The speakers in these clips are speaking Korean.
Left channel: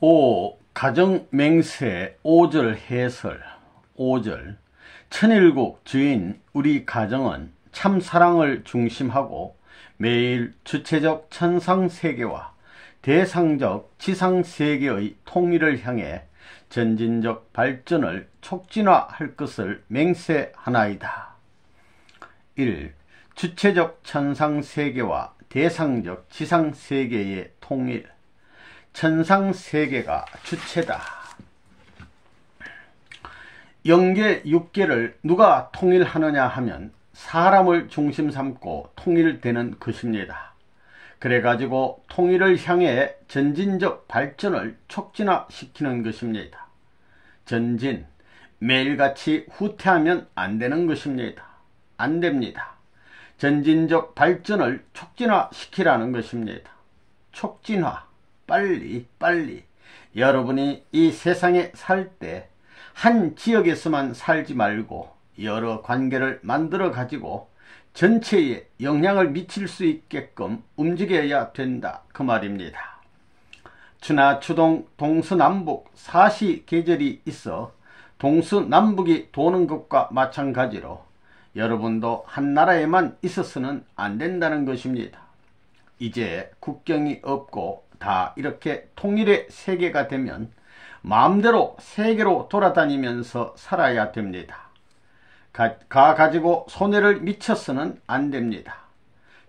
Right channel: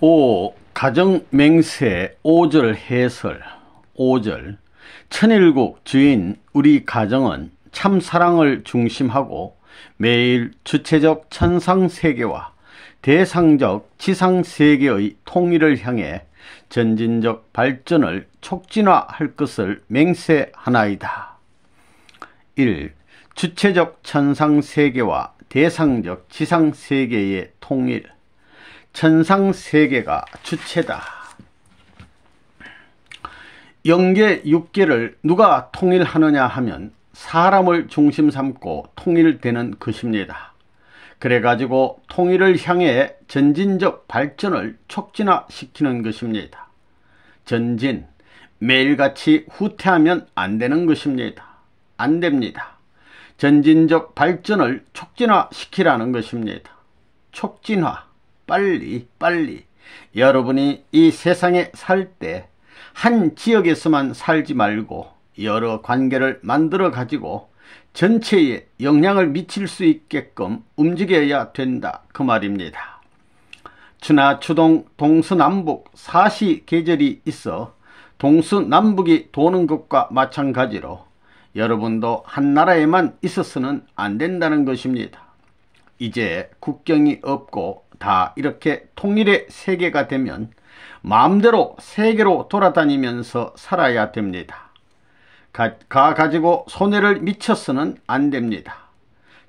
5. 가정맹세 5절 해설. 5절. 천일국 주인 우리 가정은 참사랑을 중심하고 매일 주체적 천상세계와 대상적 지상세계의 통일을 향해 전진적 발전을 촉진화할 것을 맹세하나이다. 1. 주체적 천상세계와 대상적 지상세계의 통일. 천상세계가 주체다. 영계 육계를 누가 통일하느냐 하면 사람을 중심 삼고 통일되는 것입니다. 그래가지고 통일을 향해 전진적 발전을 촉진화시키는 것입니다. 전진, 매일같이 후퇴하면 안 되는 것입니다. 안 됩니다. 전진적 발전을 촉진화시키라는 것입니다. 촉진화. 빨리 여러분이 이 세상에 살 때 한 지역에서만 살지 말고 여러 관계를 만들어 가지고 전체에 영향을 미칠 수 있게끔 움직여야 된다 그 말입니다. 추나추동 동서남북 사시계절이 있어 동서남북이 도는 것과 마찬가지로 여러분도 한 나라에만 있어서는 안 된다는 것입니다. 이제 국경이 없고 다 이렇게 통일의 세계가 되면 마음대로 세계로 돌아다니면서 살아야 됩니다. 가지고 손해를 미쳐서는 안 됩니다.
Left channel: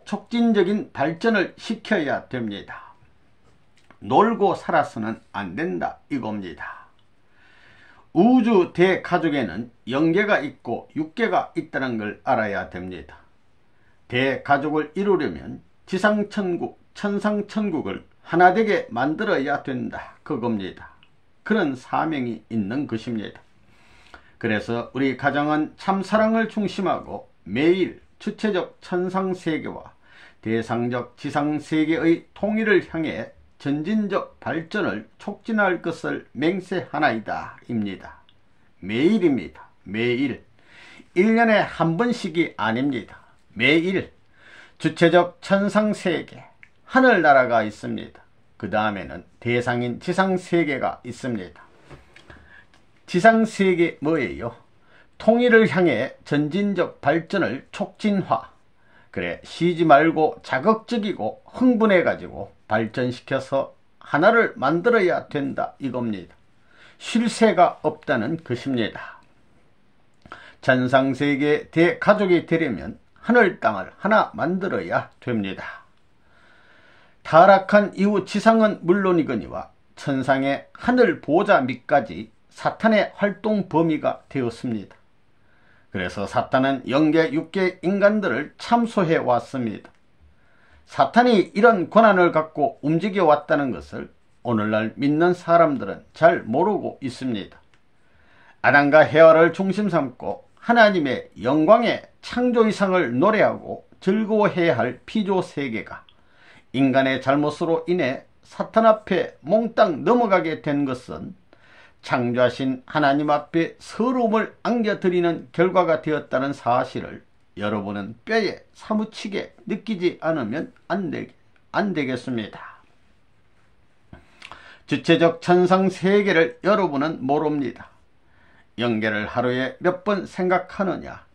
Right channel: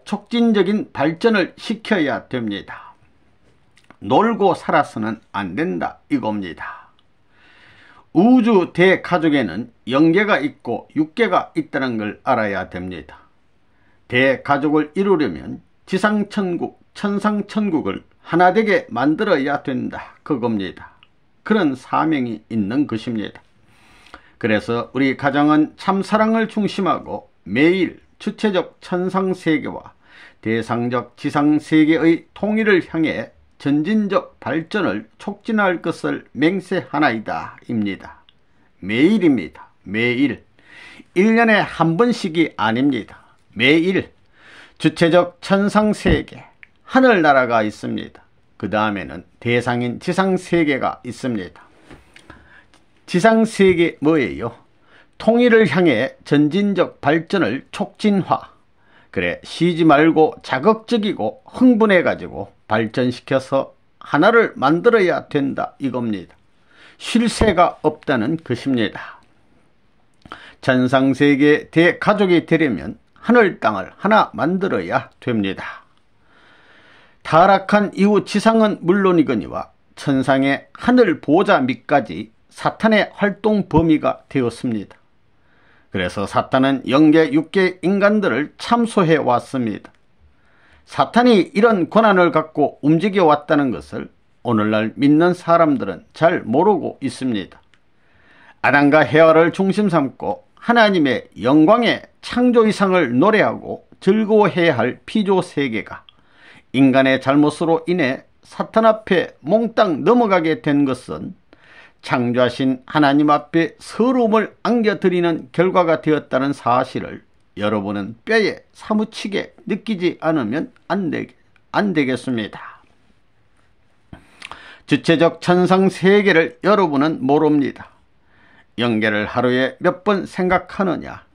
촉진적인 발전을 시켜야 됩니다. 놀고 살아서는 안 된다 이겁니다. 우주 대가족에는 영계가 있고 육계가 있다는 걸 알아야 됩니다. 대가족을 이루려면 지상천국, 천상천국을 하나 되게 만들어야 된다 그겁니다. 그런 사명이 있는 것입니다. 그래서 우리 가정은 참사랑을 중심하고 매일 주체적 천상세계와 대상적 지상세계의 통일을 향해 전진적 발전을 촉진할 것을 맹세하나이다 입니다. 매일입니다. 매일. 1년에 한 번씩이 아닙니다. 매일 주체적 천상세계 하늘나라가 있습니다. 그 다음에는 대상인 지상세계가 있습니다. 지상세계 뭐예요? 통일을 향해 전진적 발전을 촉진화. 그래 쉬지 말고 자극적이고 흥분해 가지고 발전시켜서 하나를 만들어야 된다 이겁니다. 쉴 새가 없다는 것입니다. 천상세계 대가족이 되려면 하늘 땅을 하나 만들어야 됩니다. 타락한 이후 지상은 물론이거니와 천상의 하늘 보좌 밑까지 사탄의 활동 범위가 되었습니다. 그래서 사탄은 영계 육계 인간들을 참소해 왔습니다. 사탄이 이런 권한을 갖고 움직여 왔다는 것을 오늘날 믿는 사람들은 잘 모르고 있습니다. 아담과 헤아를 중심 삼고 하나님의 영광의 창조 이상을 노래하고 즐거워해야 할 피조 세계가 인간의 잘못으로 인해 사탄 앞에 몽땅 넘어가게 된 것은 창조하신 하나님 앞에 서러움을 안겨드리는 결과가 되었다는 사실을 여러분은 뼈에 사무치게 느끼지 않으면 안 되겠습니다. 주체적 천상세계를 여러분은 모릅니다. 영계를 하루에 몇 번 생각하느냐?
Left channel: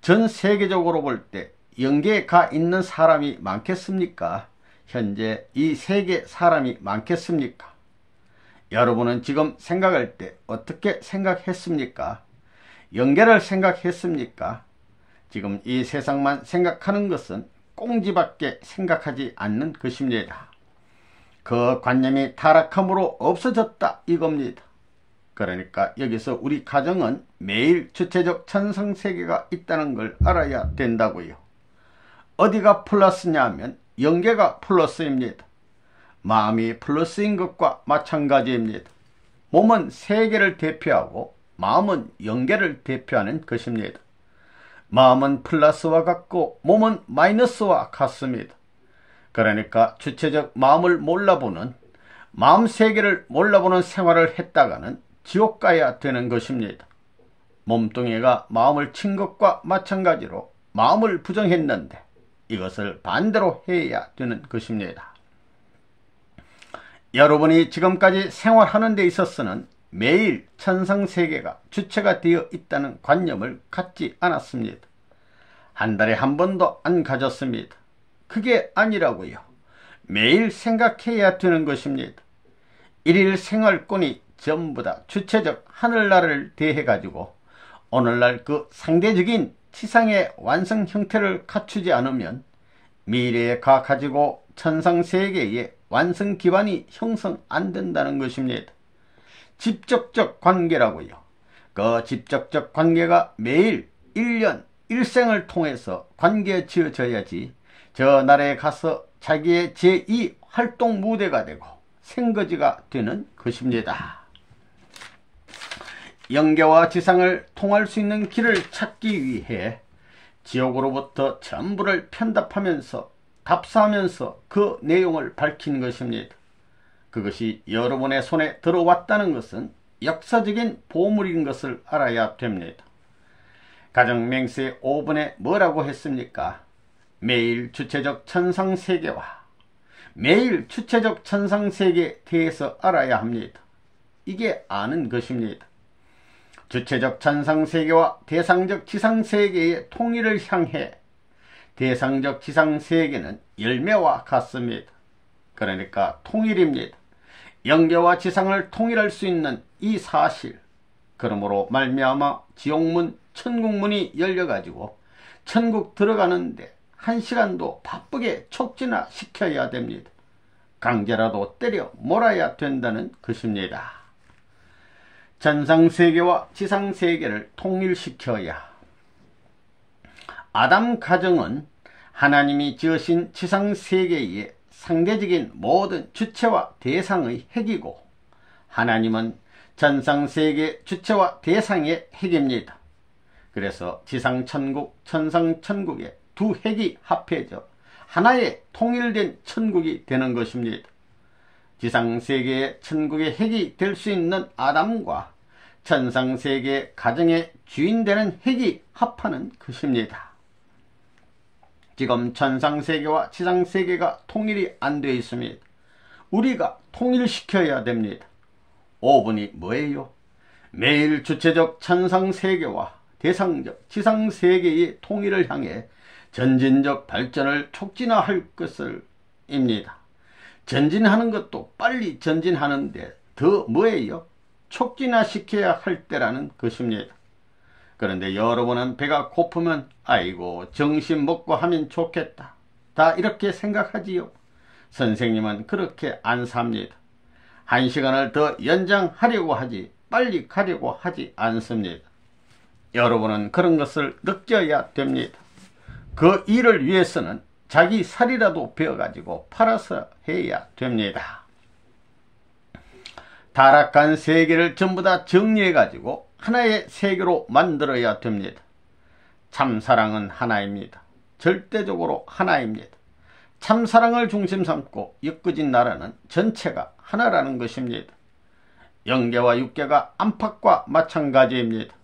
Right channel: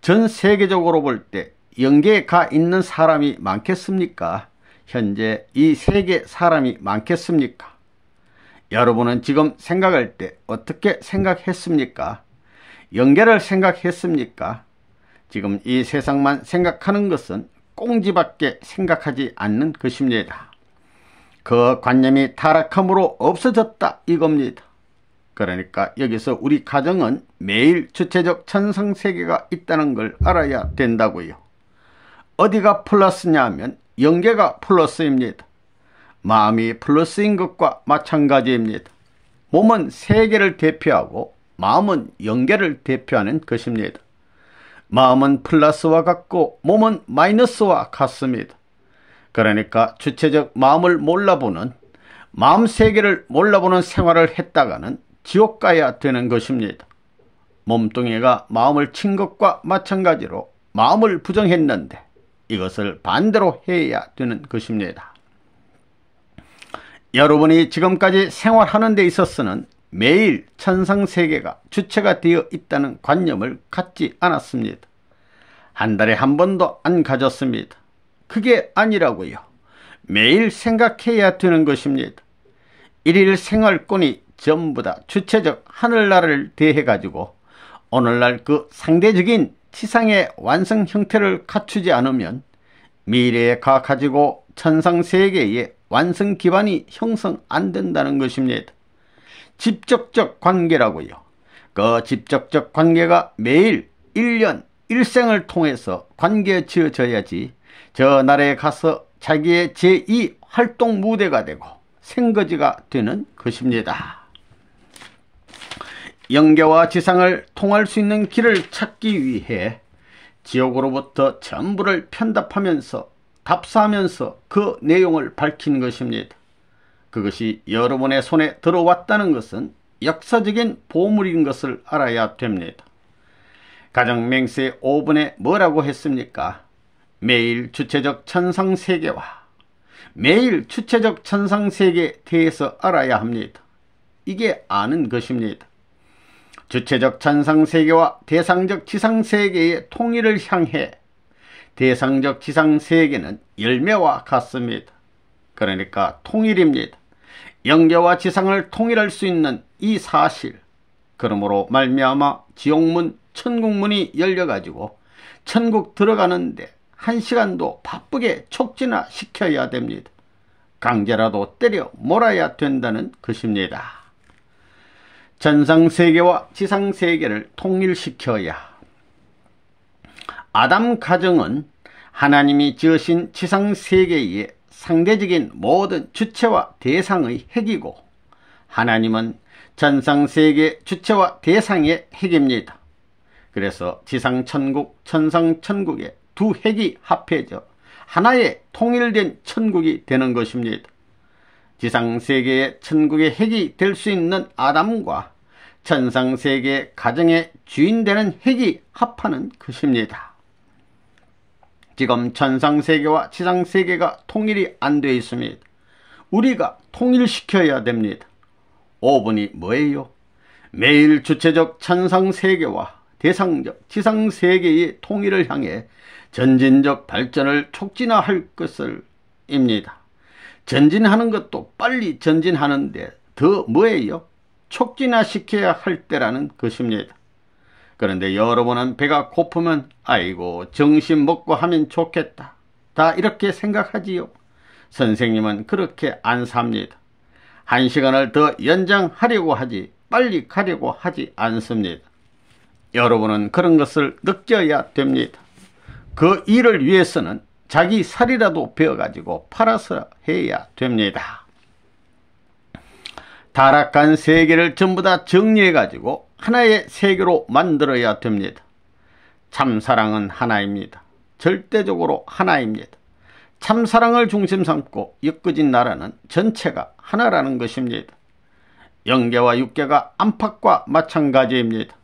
전 세계적으로 볼 때 영계에 가 있는 사람이 많겠습니까? 현재 이 세계 사람이 많겠습니까? 여러분은 지금 생각할 때 어떻게 생각했습니까? 영계를 생각했습니까? 지금 이 세상만 생각하는 것은 꽁지밖에 생각하지 않는 것입니다. 그 관념이 타락함으로 없어졌다 이겁니다. 그러니까 여기서 우리 가정은 매일 주체적 천상세계가 있다는 걸 알아야 된다고요. 어디가 플러스냐 하면 영계가 플러스입니다. 마음이 플러스인 것과 마찬가지입니다. 몸은 세계를 대표하고 마음은 영계를 대표하는 것입니다. 마음은 플러스와 같고 몸은 마이너스와 같습니다. 그러니까 주체적 마음을 몰라보는 마음 세계를 몰라보는 생활을 했다가는 지옥 가야 되는 것입니다. 몸뚱이가 마음을 친 것과 마찬가지로 마음을 부정했는데 이것을 반대로 해야 되는 것입니다. 여러분이 지금까지 생활하는 데 있어서는 매일 천상세계가 주체가 되어 있다는 관념을 갖지 않았습니다. 한 달에 한 번도 안 가졌습니다. 그게 아니라고요. 매일 생각해야 되는 것입니다. 일일 생활권이 전부 다 주체적 하늘나라를 대해 가지고 오늘날 그 상대적인 지상의 완성 형태를 갖추지 않으면 미래에 가지고 천상세계의 완성 기반이 형성 안 된다는 것입니다. 직접적 관계라고요. 그 직접적 관계가 매일 1년 1생을 통해서 관계 지어져야지 저 나라에 가서 자기의 제2 활동 무대가 되고 생거지가 되는 것입니다. 영계와 지상을 통할 수 있는 길을 찾기 위해 지옥으로부터 전부를 편답하면서 답사하면서 그 내용을 밝힌 것입니다. 그것이 여러분의 손에 들어왔다는 것은 역사적인 보물인 것을 알아야 됩니다. 가정맹세 5분에 뭐라고 했습니까? 매일 주체적 천상세계와 매일 주체적 천상세계에 대해서 알아야 합니다. 이게 아는 것입니다. 주체적 천상세계와 대상적 지상세계의 통일을 향해 대상적 지상세계는 열매와 같습니다. 그러니까 통일입니다. 영계와 지상을 통일할 수 있는 이 사실, 그러므로 말미암아 지옥문 천국문이 열려가지고 천국 들어가는데 1시간도 바쁘게 촉진화 시켜야 됩니다. 강제라도 때려 몰아야 된다는 것입니다. 천상세계와 지상세계를 통일시켜야 아담 가정은 하나님이 지으신 지상세계의 상대적인 모든 주체와 대상의 핵이고 하나님은 천상세계 주체와 대상의 핵입니다. 그래서 지상천국, 천상천국의 두 핵이 합해져 하나의 통일된 천국이 되는 것입니다. 지상세계의 천국의 핵이 될 수 있는 아담과 천상세계의 가정의 주인 되는 핵이 합하는 것입니다. 지금 천상세계와 지상세계가 통일이 안 되어 있습니다. 우리가 통일시켜야 됩니다. 5분이 뭐예요? 매일 주체적 천상세계와 대상적 지상세계의 통일을 향해 전진적 발전을 촉진화할 것을 입니다. 전진하는 것도 빨리 전진하는데 더 뭐예요? 촉진화시켜야 할 때라는 것입니다. 그런데 여러분은 배가 고프면 아이고 정신 먹고 하면 좋겠다, 다 이렇게 생각하지요. 선생님은 그렇게 안 삽니다. 1시간을 더 연장하려고 하지 빨리 가려고 하지 않습니다. 여러분은 그런 것을 느껴야 됩니다. 그 일을 위해서는 자기 살이라도 베어가지고 팔아서 해야 됩니다. 타락한 세계를 전부 다 정리해가지고 하나의 세계로 만들어야 됩니다. 참사랑은 하나입니다. 절대적으로 하나입니다. 참사랑을 중심 삼고 엮어진 나라는 전체가 하나라는 것입니다. 영계와 육계가 안팎과 마찬가지입니다.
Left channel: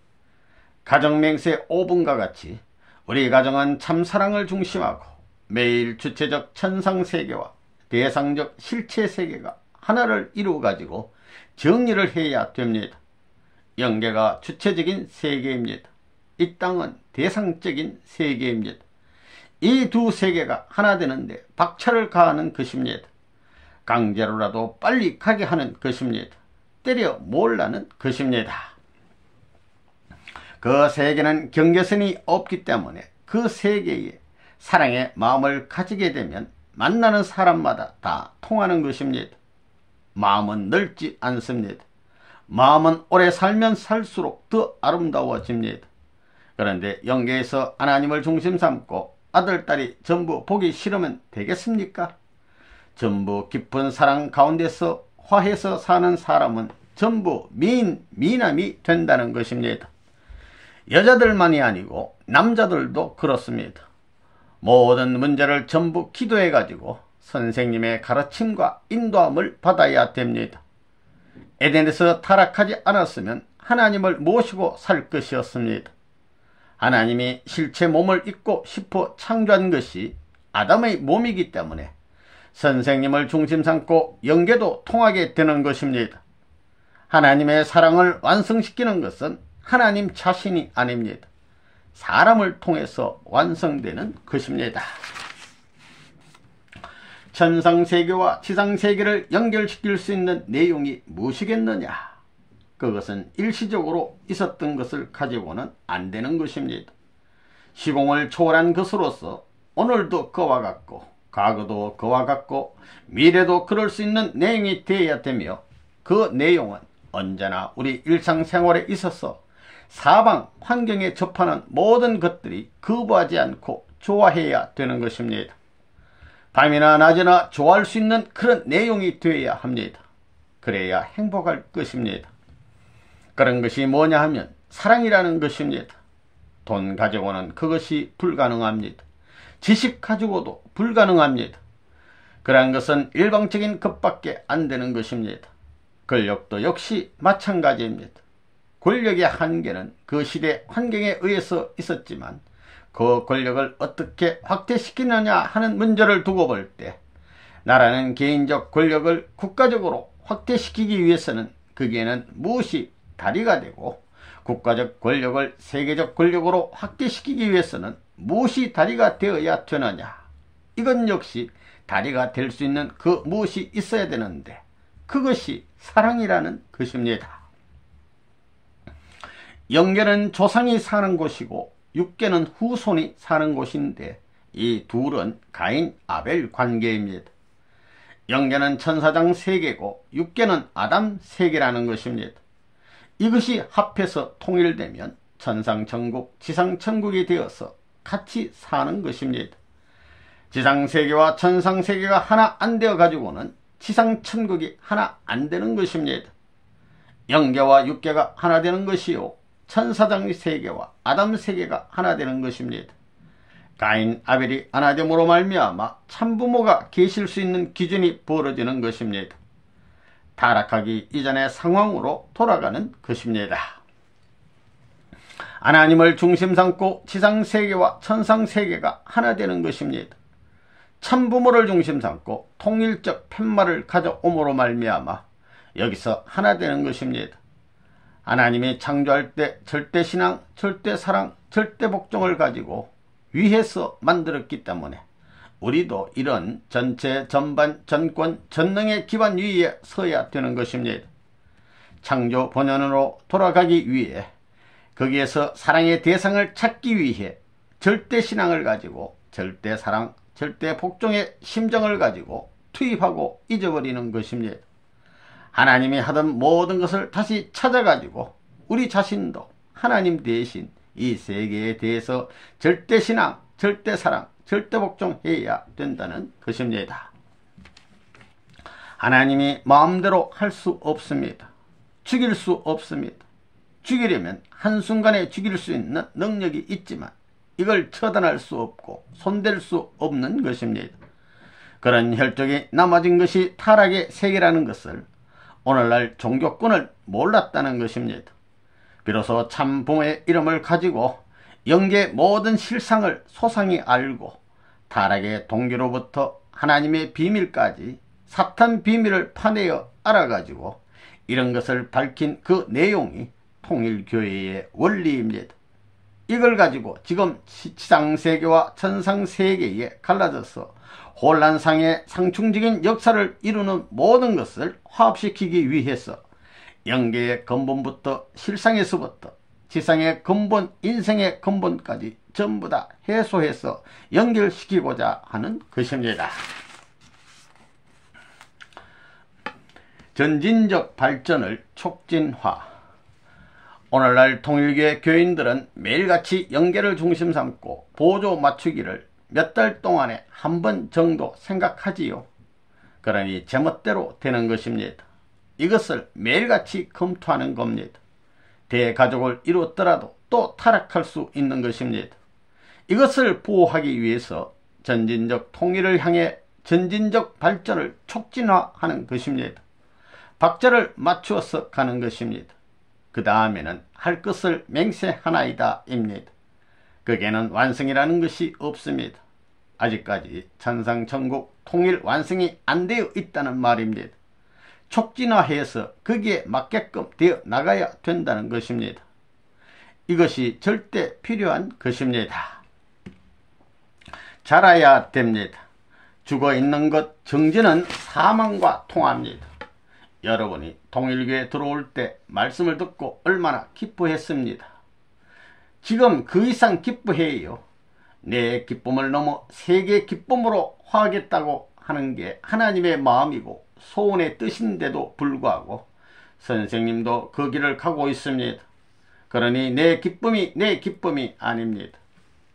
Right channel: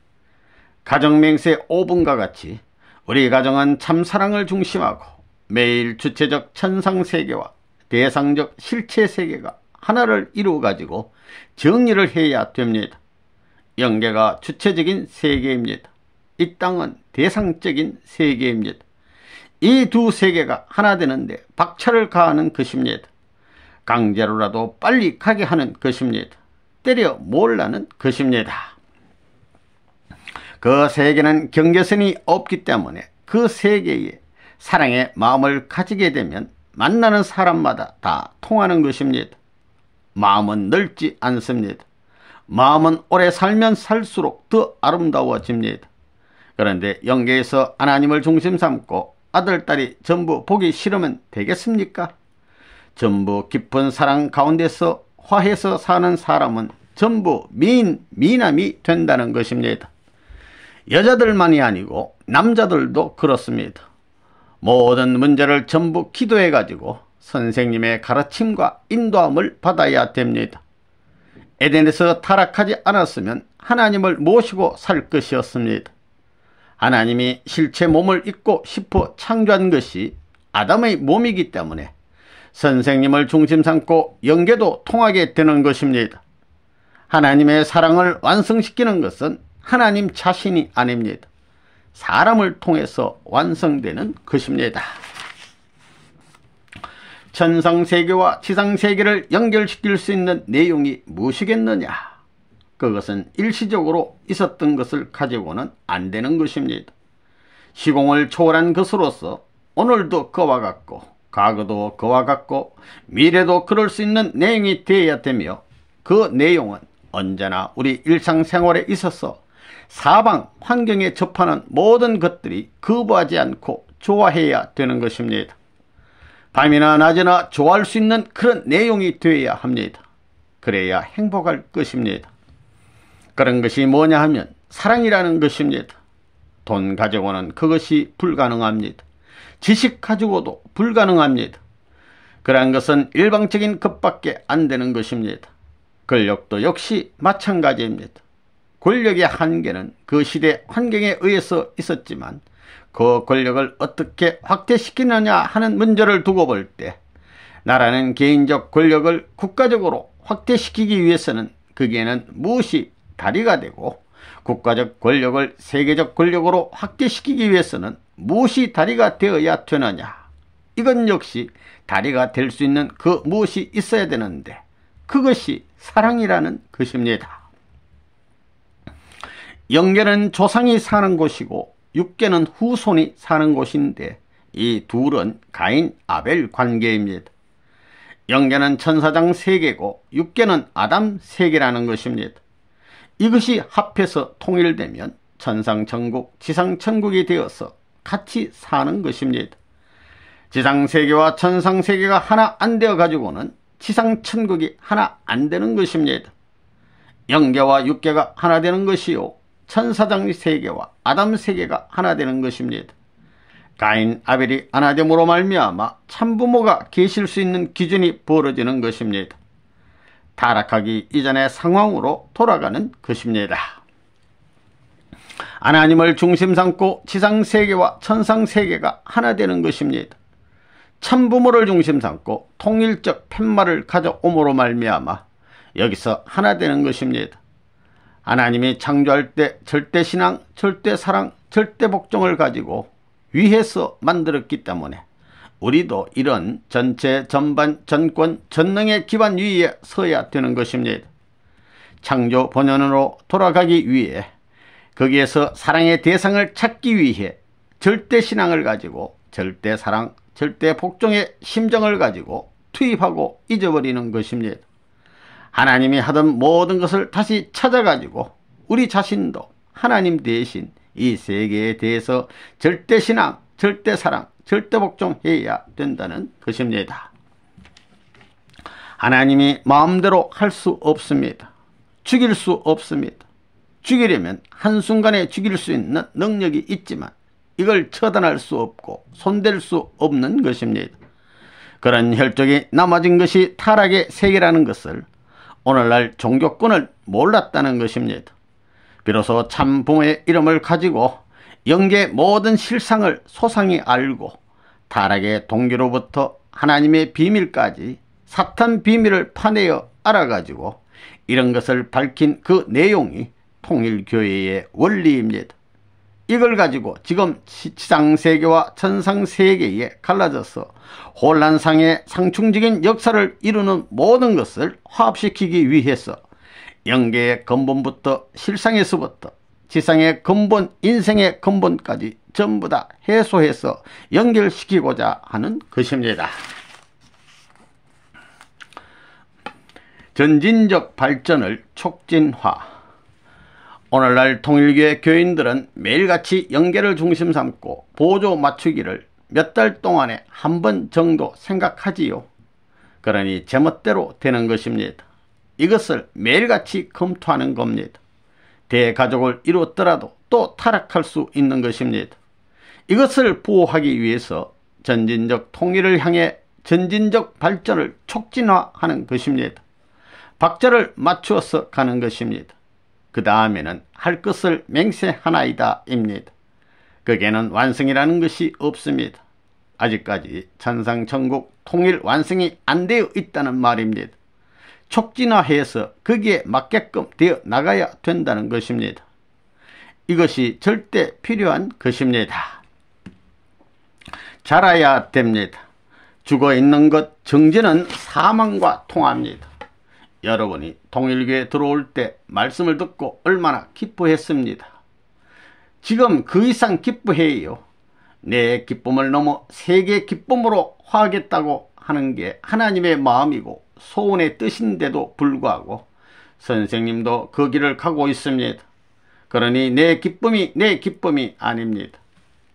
가정맹세 5분과 같이 우리 가정은 참사랑을 중심하고 매일 주체적 천상세계와 대상적 실체세계가 하나를 이루어가지고 정리를 해야 됩니다. 영계가 주체적인 세계입니다. 이 땅은 대상적인 세계입니다. 이 두 세계가 하나 되는데 박차를 가하는 것입니다. 강제로라도 빨리 가게 하는 것입니다. 때려 몰라는 것입니다. 그 세계는 경계선이 없기 때문에 그 세계에 사랑의 마음을 가지게 되면 만나는 사람마다 다 통하는 것입니다. 마음은 넓지 않습니다. 마음은 오래 살면 살수록 더 아름다워집니다. 그런데 영계에서 하나님을 중심 삼고 아들, 딸이 전부 보기 싫으면 되겠습니까? 전부 깊은 사랑 가운데서 화해서 사는 사람은 전부 미남이 된다는 것입니다. 여자들만이 아니고 남자들도 그렇습니다. 모든 문제를 전부 기도해 가지고 선생님의 가르침과 인도함을 받아야 됩니다. 에덴에서 타락하지 않았으면 하나님을 모시고 살 것이었습니다. 하나님이 실체 몸을 입고 싶어 창조한 것이 아담의 몸이기 때문에 선생님을 중심 삼고 영계도 통하게 되는 것입니다. 하나님의 사랑을 완성시키는 것은 하나님 자신이 아닙니다. 사람을 통해서 완성되는 것입니다. 천상세계와 지상세계를 연결시킬 수 있는 내용이 무엇이겠느냐? 그것은 일시적으로 있었던 것을 가지고는 안 되는 것입니다. 시공을 초월한 것으로서 오늘도 그와 같고 과거도 그와 같고 미래도 그럴 수 있는 내용이 되어야 되며, 그 내용은 언제나 우리 일상생활에 있어서 사방 환경에 접하는 모든 것들이 거부하지 않고 좋아해야 되는 것입니다. 밤이나 낮이나 좋아할 수 있는 그런 내용이 되어야 합니다. 그래야 행복할 것입니다. 그런 것이 뭐냐 하면 사랑이라는 것입니다. 돈 가지고는 그것이 불가능합니다. 지식 가지고도 불가능합니다. 그러한 것은 일방적인 것밖에 안 되는 것입니다. 권력도 역시 마찬가지입니다. 권력의 한계는 그 시대 환경에 의해서 있었지만 그 권력을 어떻게 확대시키느냐 하는 문제를 두고 볼 때, 나라는 개인적 권력을 국가적으로 확대시키기 위해서는 거기에는 무엇이 다리가 되고, 국가적 권력을 세계적 권력으로 확대시키기 위해서는 무엇이 다리가 되어야 되느냐, 이건 역시 다리가 될 수 있는 그 무엇이 있어야 되는데, 그것이 사랑이라는 것입니다. 영계는 조상이 사는 곳이고 육계는 후손이 사는 곳인데, 이 둘은 가인 아벨 관계입니다. 영계는 천사장 세계고 육계는 아담 세계라는 것입니다. 이것이 합해서 통일되면 천상천국, 지상천국이 되어서 같이 사는 것입니다. 지상세계와 천상세계가 하나 안 되어 가지고는 지상천국이 하나 안 되는 것입니다. 영계와 육계가 하나 되는 것이요, 천사장 세계와 아담 세계가 하나 되는 것입니다. 가인 아벨이 하나 됨으로 말미암아 참부모가 계실 수 있는 기준이 벌어지는 것입니다. 타락하기 이전의 상황으로 돌아가는 것입니다. 하나님을 중심 삼고 지상세계와 천상세계가 하나 되는 것입니다. 참부모를 중심 삼고 통일적 팻말을 가져옴으로 말미암아 여기서 하나 되는 것입니다. 하나님이 창조할 때 절대신앙, 절대사랑, 절대복종을 가지고 위해서 만들었기 때문에 우리도 이런 전체, 전반, 전권, 전능의 기반 위에 서야 되는 것입니다. 창조 본연으로 돌아가기 위해, 거기에서 사랑의 대상을 찾기 위해 절대신앙을 가지고 절대사랑, 절대복종의 심정을 가지고 투입하고 잊어버리는 것입니다. 하나님이 하던 모든 것을 다시 찾아가지고 우리 자신도 하나님 대신 이 세계에 대해서 절대신앙, 절대사랑, 절대복종해야 된다는 것입니다. 하나님이 마음대로 할 수 없습니다. 죽일 수 없습니다. 죽이려면 한순간에 죽일 수 있는 능력이 있지만 이걸 처단할 수 없고 손댈 수 없는 것입니다. 그런 혈족이 남아진 것이 타락의 세계라는 것을 오늘날 종교권을 몰랐다는 것입니다. 비로소 참 부모의 이름을 가지고 영계 모든 실상을 소상히 알고 타락의 동기로부터 하나님의 비밀까지 사탄 비밀을 파내어 알아가지고 이런 것을 밝힌 그 내용이 통일교회의 원리입니다. 이걸 가지고 지금 지상세계와 천상세계에 갈라져서 혼란상의 상충적인 역사를 이루는 모든 것을 화합시키기 위해서 영계의 근본부터 실상에서부터 지상의 근본, 인생의 근본까지 전부 다 해소해서 연결시키고자 하는 것입니다. 전진적 발전을 촉진화. 오늘날 통일교회 교인들은 매일같이 영계를 중심 삼고 보조 맞추기를 몇 달 동안에 한 번 정도 생각하지요. 그러니 제멋대로 되는 것입니다. 이것을 매일같이 검토하는 겁니다. 대가족을 이루었더라도 또 타락할 수 있는 것입니다. 이것을 보호하기 위해서 전진적 통일을 향해 전진적 발전을 촉진화하는 것입니다. 박자를 맞추어서 가는 것입니다. 그 다음에는 할 것을 맹세하나이다 입니다. 거기에는 완성이라는 것이 없습니다. 아직까지 천상천국, 통일 완성이 안 되어 있다는 말입니다. 촉진화해서 거기에 맞게끔 되어 나가야 된다는 것입니다. 이것이 절대 필요한 것입니다. 자라야 됩니다. 죽어있는 것 정진은 사망과 통합니다. 여러분이 통일교에 들어올 때 말씀을 듣고 얼마나 기뻐했습니다. 지금 그 이상 기뻐해요. 내 기쁨을 넘어 세계의 기쁨으로 화하겠다고 하는 게 하나님의 마음이고 소원의 뜻인데도 불구하고 선생님도 그 길을 가고 있습니다. 그러니 내 기쁨이 아닙니다.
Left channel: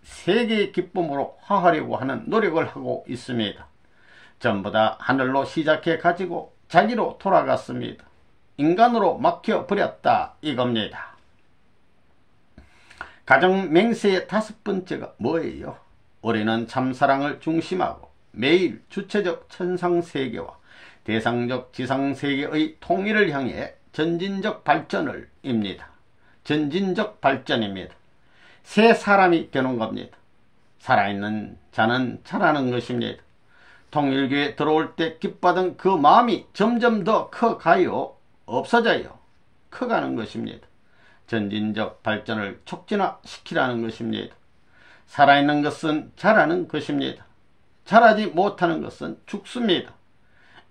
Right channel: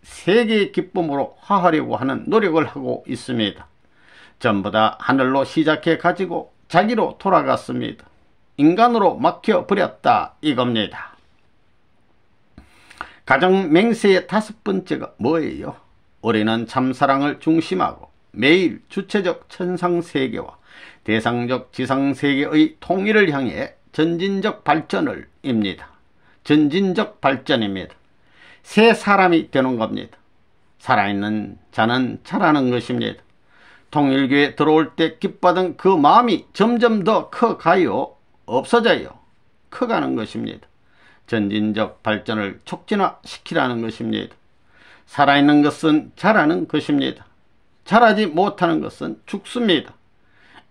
세계의 기쁨으로 화하려고 하는 노력을 하고 있습니다. 전부 다 하늘로 시작해 가지고 자기로 돌아갔습니다. 인간으로 막혀버렸다 이겁니다. 가정 맹세의 5번째가 뭐예요? 우리는 참사랑을 중심하고 매일 주체적 천상세계와 대상적 지상세계의 통일을 향해 전진적 발전을 입니다. 전진적 발전입니다. 새 사람이 되는 겁니다. 살아있는 자는 자라는 것입니다. 통일교에 들어올 때 기뻐하던 그 마음이 점점 더 커가요? 없어져요? 커가는 것입니다. 전진적 발전을 촉진화시키라는 것입니다. 살아있는 것은 자라는 것입니다. 자라지 못하는 것은 죽습니다.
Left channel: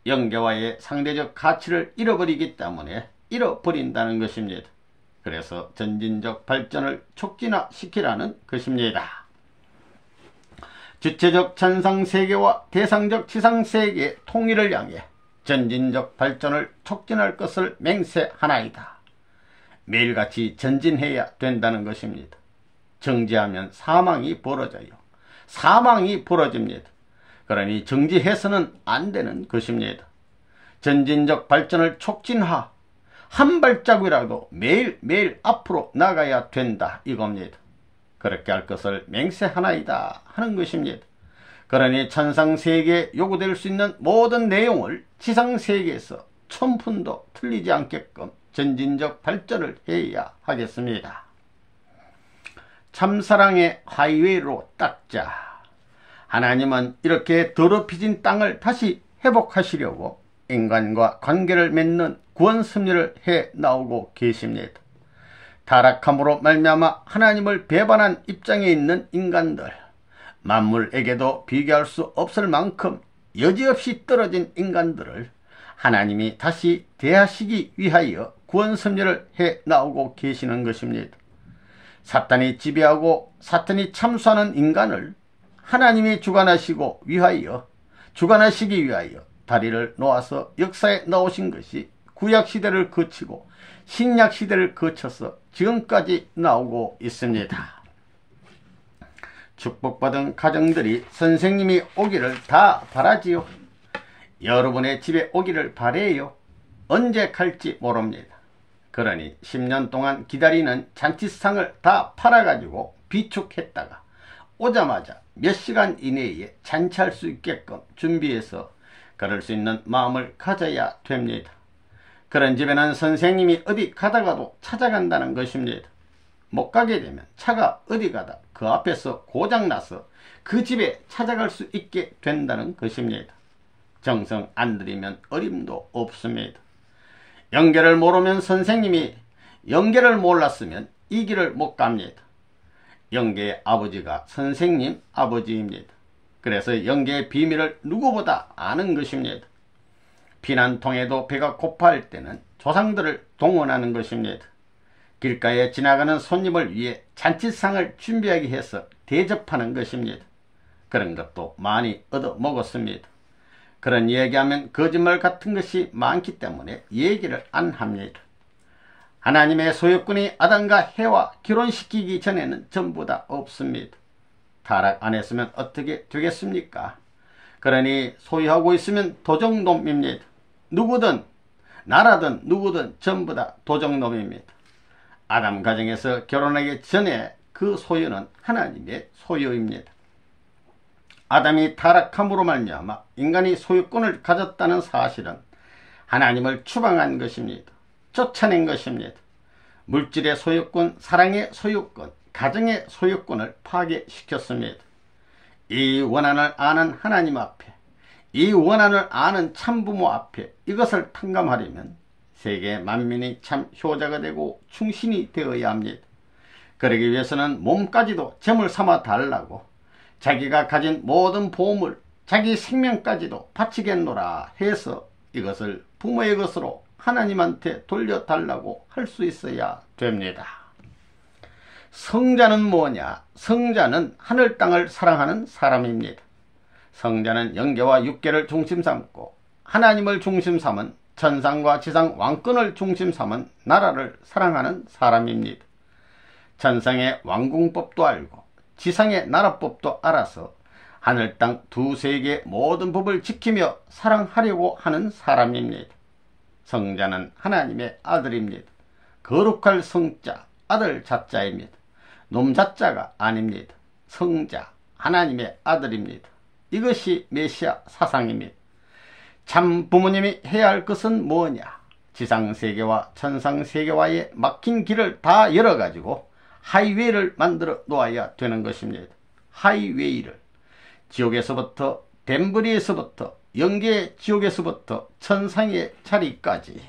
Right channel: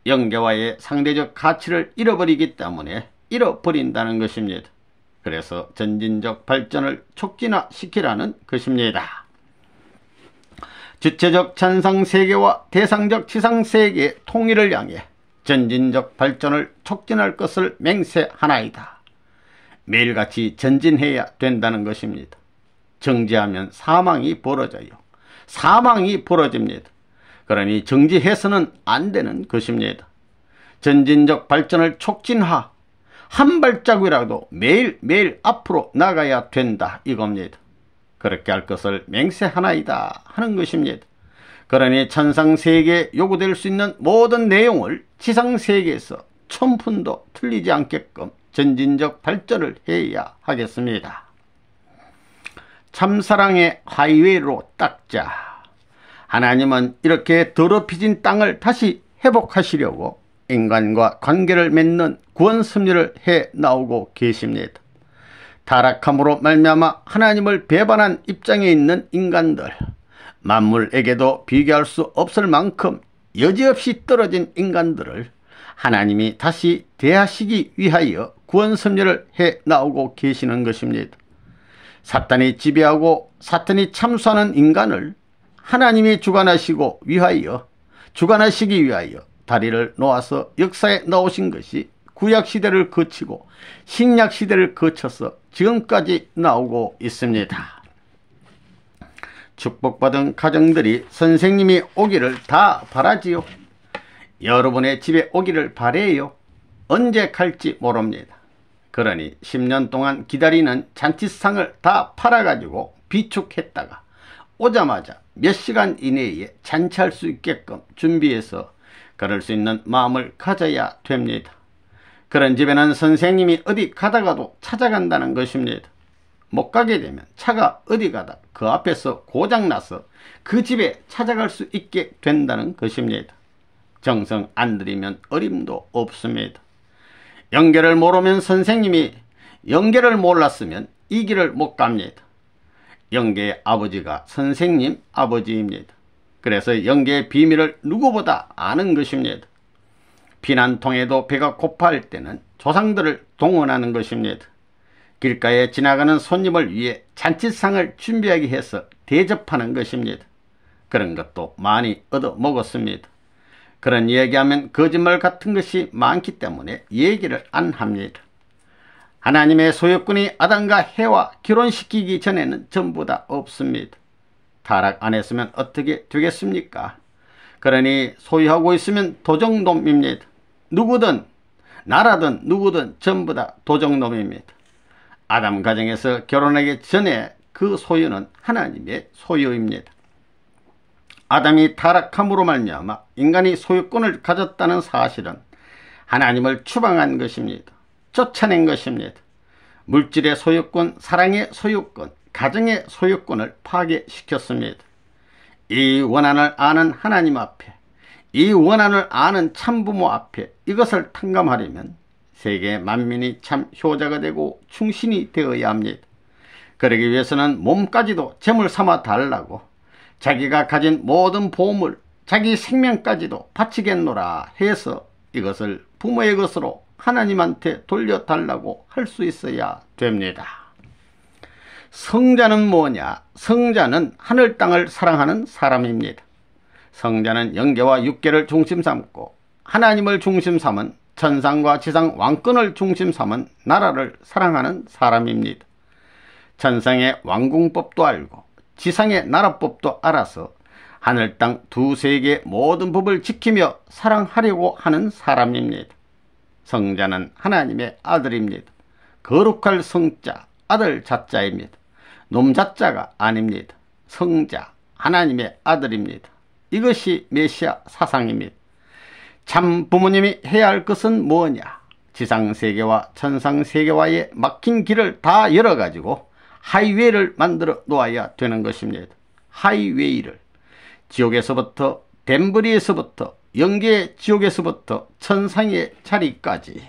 영계와의 상대적 가치를 잃어버리기 때문에 잃어버린다는 것입니다. 그래서 전진적 발전을 촉진화시키라는 것입니다. 주체적 천상세계와 대상적 지상세계의 통일을 향해 전진적 발전을 촉진할 것을 맹세하나이다. 매일같이 전진해야 된다는 것입니다. 정지하면 사망이 벌어져요. 사망이 벌어집니다. 그러니 정지해서는 안 되는 것입니다. 전진적 발전을 촉진하, 한 발자국이라도 매일매일 앞으로 나가야 된다 이겁니다. 그렇게 할 것을 맹세하나이다 하는 것입니다. 그러니 천상세계에 요구될 수 있는 모든 내용을 지상세계에서 1000푼도 틀리지 않게끔 전진적 발전을 해야 하겠습니다. 참사랑의 하이웨이로 닦자. 하나님은 이렇게 더럽혀진 땅을 다시 회복하시려고 인간과 관계를 맺는 구원 섭리를 해 나오고 계십니다. 타락함으로 말미암아 하나님을 배반한 입장에 있는 인간들, 만물에게도 비교할 수 없을 만큼 여지없이 떨어진 인간들을 하나님이 다시 대하시기 위하여 구원 섭리를 해 나오고 계시는 것입니다. 사탄이 지배하고 사탄이 참수하는 인간을 하나님이 주관하시기 위하여 다리를 놓아서 역사에 나오신 것이 구약시대를 거치고 신약시대를 거쳐서 지금까지 나오고 있습니다. 축복받은 가정들이 선생님이 오기를 다 바라지요. 여러분의 집에 오기를 바래요. 언제 갈지 모릅니다. 그러니 10년 동안 기다리는 잔치상을 다 팔아가지고 비축했다가 오자마자 몇 시간 이내에 잔치할 수 있게끔 준비해서 그럴 수 있는 마음을 가져야 됩니다. 그런 집에는 선생님이 어디 가다가도 찾아간다는 것입니다. 못 가게 되면 차가 어디 가다 그 앞에서 고장나서 그 집에 찾아갈 수 있게 된다는 것입니다. 정성 안 들이면 어림도 없습니다. 영계를 모르면 선생님이 영계를 몰랐으면 이 길을 못 갑니다. 영계의 아버지가 선생님 아버지입니다. 그래서 영계의 비밀을 누구보다 아는 것입니다. 피난통에도 배가 고파할 때는 조상들을 동원하는 것입니다. 길가에 지나가는 손님을 위해 잔치상을 준비하게 해서 대접하는 것입니다. 그런 것도 많이 얻어먹었습니다. 그런 얘기하면 거짓말 같은 것이 많기 때문에 얘기를 안 합니다. 하나님의 소유꾼이 아담과 해와 결혼시키기 전에는 전부 다 없습니다. 타락 안 했으면 어떻게 되겠습니까? 그러니 소유하고 있으면 도적놈입니다. 누구든 나라든 누구든 전부 다 도적놈입니다. 아담 가정에서 결혼하기 전에 그 소유는 하나님의 소유입니다. 아담이 타락함으로 말미암아 인간이 소유권을 가졌다는 사실은 하나님을 추방한 것입니다. 쫓아낸 것입니다. 물질의 소유권, 사랑의 소유권, 가정의 소유권을 파괴시켰습니다. 이 원한을 아는 하나님 앞에 이 원한을 아는 참부모 앞에 이것을 탕감하려면 세계 만민이 참 효자가 되고 충신이 되어야 합니다. 그러기 위해서는 몸까지도 제물 삼아 달라고 자기가 가진 모든 보물, 자기 생명까지도 바치겠노라 해서 이것을 부모의 것으로 하나님한테 돌려달라고 할 수 있어야 됩니다. 성자는 뭐냐? 성자는 하늘 땅을 사랑하는 사람입니다. 성자는 영계와 육계를 중심 삼고 하나님을 중심 삼은 천상과 지상 왕권을 중심 삼은 나라를 사랑하는 사람입니다. 천상의 왕궁법도 알고 지상의 나라법도 알아서 하늘 땅 두 세계의 모든 법을 지키며 사랑하려고 하는 사람입니다. 성자는 하나님의 아들입니다. 거룩할 성자, 아들 자자입니다. 놈 자자가 아닙니다. 성자, 하나님의 아들입니다. 이것이 메시아 사상입니다. 참 부모님이 해야 할 것은 뭐냐? 지상세계와 천상세계와의 막힌 길을 다 열어가지고 하이웨이를 만들어 놓아야 되는 것입니다. 하이웨이를. 지옥에서부터 덴브리에서부터 영계의 지옥에서부터 천상의 자리까지